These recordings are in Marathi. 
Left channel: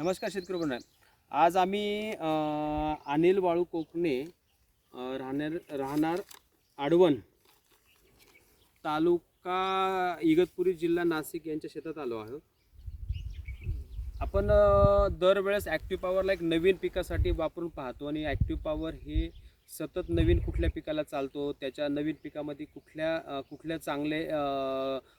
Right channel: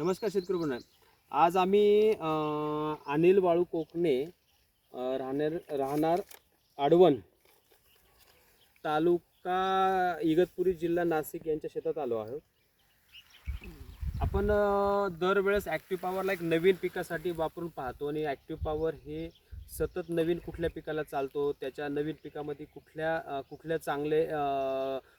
नमस्कार शेतकरी बंधूंनो. आज आम्ही अनिल वाळू कोकणे राहणार आडवण तालुका इगतपुरी जिल्हा नाशिक यांच्या शेतात आलो आहोत. आपण दरवेळेस ॲक्टिव्ह पॉवरला एक नवीन पिकासाठी वापरून पाहतो आणि ॲक्टिव्ह पॉवर हे सतत नवीन कुठल्या पिकाला चालतो, त्याच्या नवीन पिकामध्ये कुठल्या चांगले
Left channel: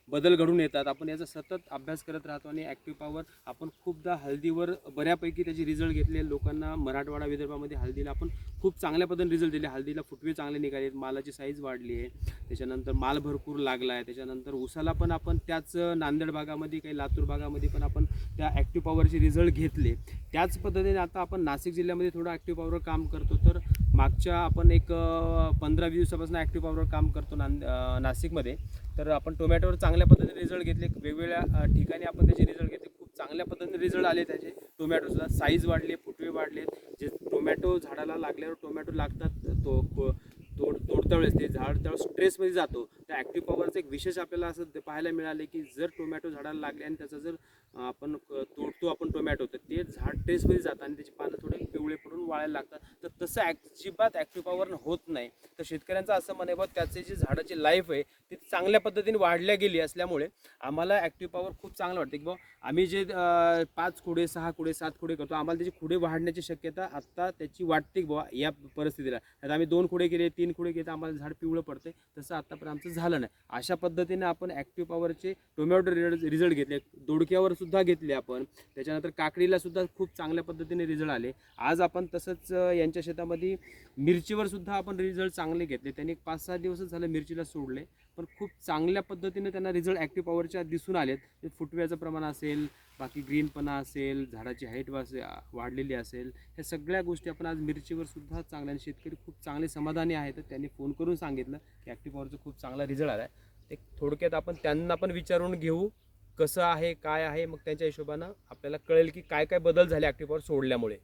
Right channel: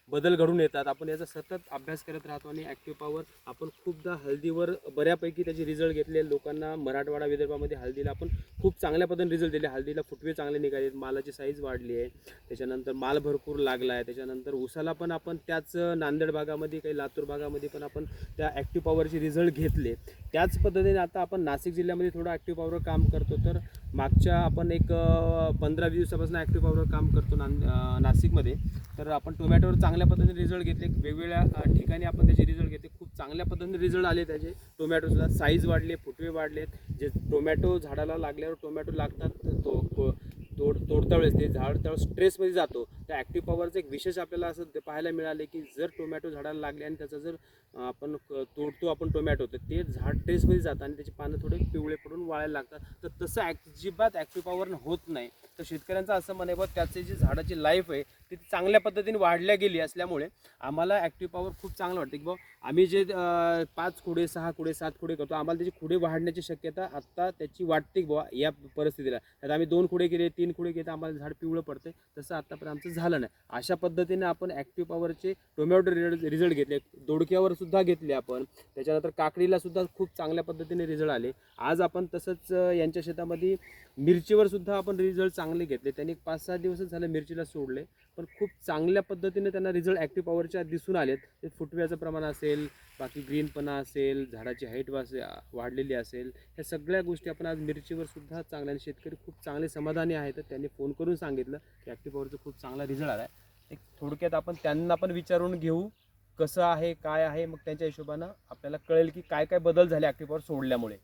बदल घडून येतात, आपण याचा सतत अभ्यास करत राहतो. आणि ॲक्टिव्ह पॉवर आपण खूपदा हळदीवर बऱ्यापैकी त्याचे रिझल्ट घेतले. लोकांना मराठवाडा विदर्भामध्ये हळदीला आपण खूप चांगल्या पद्धतीने रिझल्ट दिले. हळदीला फुटवे चांगले निघाले, मालाची साईज वाढली आहे, त्याच्यानंतर माल भरपूर लागला आहे. त्याच्यानंतर उसाला पण आपण त्याच नांदेड भागामध्ये काही लातूर भागामध्ये पण आपण त्या ॲक्टिव्ह पॉवरचे रिझल्ट घेतले. त्याच पद्धतीने आता आपण नाशिक जिल्ह्यामध्ये थोडं ॲक्टिव्ह पॉवरवर काम करतो. तर मागच्या आपण एक 15-20 दिवसापासून ॲक्टिव्ह पॉवरवर काम करतो नाशिकमध्ये. तर आपण टोमॅटोवर चांगल्या पद्धतीने रिझल्ट घेतले. वेगवेगळ्या ठिकाणी आपण त्याचे रिझल्ट घेतले. खूप चांगल्या पद्धतीने रिझल्ट आले त्याचे. टोमॅटोचा साईज वाढले, फुटवे वाढले. जे टोमॅटो झाडाला लागल्यावर टोमॅटो लागतात तोडता वेळेस ते झाड त्यावेळेस स्ट्रेसमध्ये जातो. त्या ॲक्टिव्ह पॉवरचं एक विशेष आपल्याला असं पाहायला मिळाले की जर टोमॅटो झाडाला लागले आणि त्याचा जर आपण तोडतो आपण टोमॅटो, तर ते झाड ट्रेसमध्ये जातं आणि त्याची पानं थोडे पिवळे पडून वाळायला लागतात. तर तसं अजिबात ॲक्टिव्ह पॉवर होत नाही. तर शेतकऱ्यांचं असं म्हणे बा त्याची जी झाडाची लाईफ आहे ती चांगल्या पद्धतीने वाढल्या गेली असल्यामुळे आम्हाला ॲक्टिव्ह पॉवर खूप चांगलं वाटतं की बा आम्ही जे 5 खुडे 6 खुडे 7 खुडे करतो, आम्हाला त्याची खुडे वाढण्याची शक्यता आत्ता त्याची वाटते की बाबा या परिस्थितीला. तर आम्ही 2 खुडे केले 3 खुडे केले तर आम्हाला झाड पिवळं पडते. तसं आत्तापर्यंत आमचं झालं नाही. अशा पद्धतीने आपण ॲक्टिव्ह पॉवरचे टोमॅटो रिझल्ट घेतले, दोडक्यावर सुद्धा घेतले आपण. त्याच्यानंतर काकडीला सुद्धा खूप चांगल्या पद्धतीने रिझल्ट आले. आज आपण तसंच यांच्या शेतामध्ये मिरचीवर सुद्धा आपण रिझल्ट चांगले घेतले. त्यांनी 5-6 दिवसच झालं मिरचीला सोडले, पण खूप चांगल्या पद्धतीने त्यांना रिझल्ट ॲक्टिव्ह पॉवरच्या दिसून आलेत. ते फुटव्याचं प्रमाण असेल, बाकी ग्रीनपणा असेल, झाडाची हाईट वाढलेली असेल, ह्या सगळ्या गोष्टी आपण आज मिरचीवर सुद्धा चांगल्या. शेतकरी खूप चांगले समाधानी आहेत. तर त्यांनी फोन करून सांगितलं की ॲक्टिव्ह पॉवरचा खूप चांगला रिझल्ट आला आहे. एक थोडक्यात आपण त्यांना पण विचारून घेऊ कसं आहे काय आहे, मग त्यांच्या हिशोबानं आपल्याला कळेल की काय काय बदल झाले ॲक्टिव्ह पॉवर सोडल्यामुळे.